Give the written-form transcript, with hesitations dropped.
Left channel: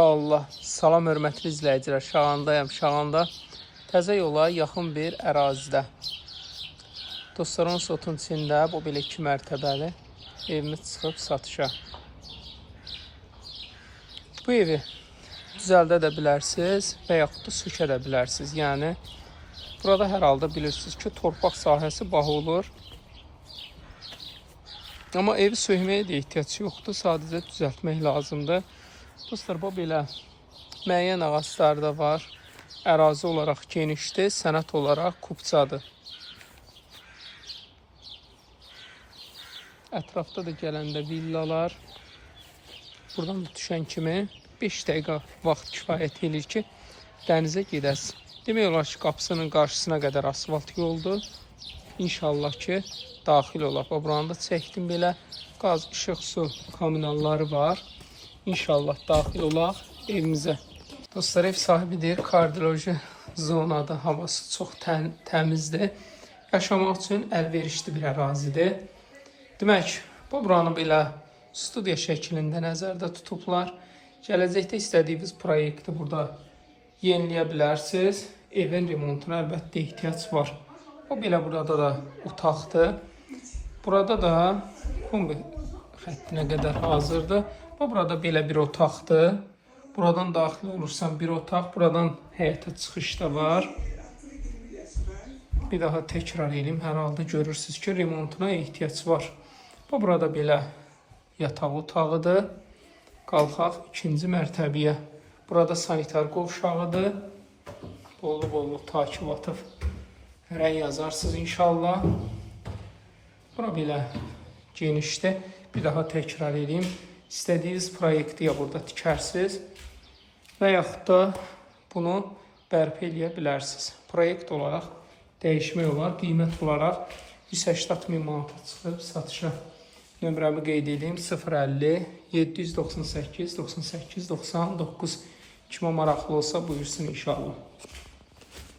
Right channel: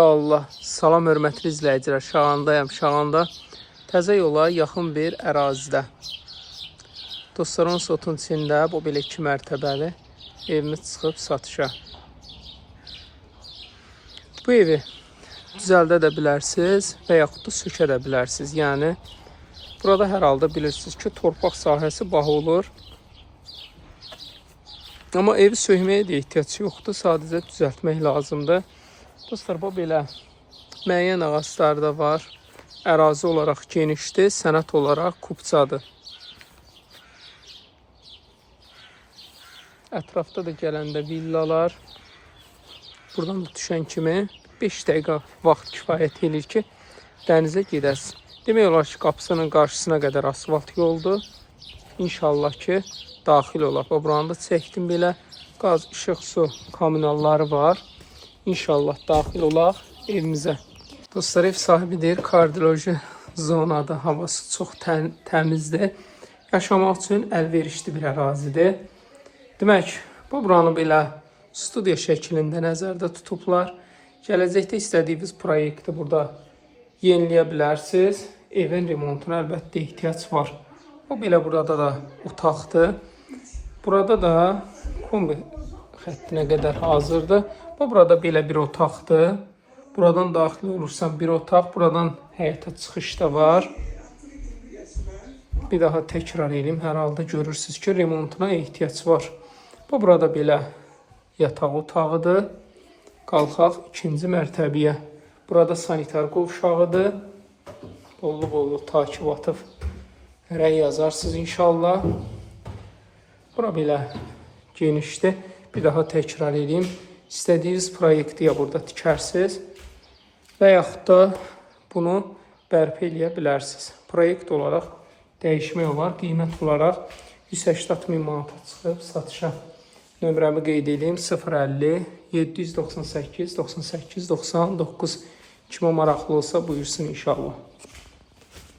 Allah, salam hörmətli izləyicilər, Şağandayam. Şağanda təzə yola yaxın bir ərazidə. Dostlarımın sotun içində bu belə 2 mərtəbəli evimiz çıxıb satışa. Bu evi düzəldə də bilərsiniz və yaxud da sökə də bilərsiniz. Yəni, burada hər halda bilirsiniz ki, torpaq sahəsi baha olur. Amma evi sökməyə də ehtiyac yoxdur, sadəcə düzəltmək lazımdır. Dostlar, bu belə müəyyən ağacları da var. Ərazi olaraq genişdir, sənət olaraq kubcadır. Ətrafda da gələndə villalar. Buradan düşən kimi 5 dəqiqə vaxt kifayət edir ki, dənizə gedəsiz. Demək olar ki, qapısının qarşısına qədər asfalt yoldur. İnşallah ki, daxil olar. Buranı da çəkdim belə. Qaz, işıq, su kommunalları var. İnşallah daxil olaq evimizə. Dostlar, ev sahibidir. Kardioloji zonadır. Havası çox təmizdir. Yaşamaq üçün əlverişli bir ərazidir. Demək, buranı belə studiya şəklində nəzərdə tutublar. Gələcəkdə istədiyiniz proyekti burada yeniləyə bilərsiniz. Evin remontuna əlbəttə ehtiyac var. O belə burada da otaqdır. Burada da kombi xəttinə qədər hazırdır. Burada belə bir otaqdır. Buradan daxil olursan bir otaq. Buradan həyata çıxış da var. Bir daha təkrar edeyim. Hər halda görürsünüz ki, remontuna ehtiyac var. Bu burada belə yataq otağıdır. Qalxaq ikinci mərtəbəyə. Burada sanitar qovşağıdır. Dolu takip atıb rəy yazarsınız inşallah. Bura belə genişdir. Bir daha təkrar edeyim. İstədiyiniz proyekti ya burada tikərsiniz və yaxud da bunu bərpa eləyə bilərsiniz. Proyekt olaraq dəyişmək olar. Qiymət olaraq 180.000 manata çıxıb satışa. Nömrəmi qeyd edeyim. 050 798 98 99. Kimə maraqlı olsa buyursun inşallah.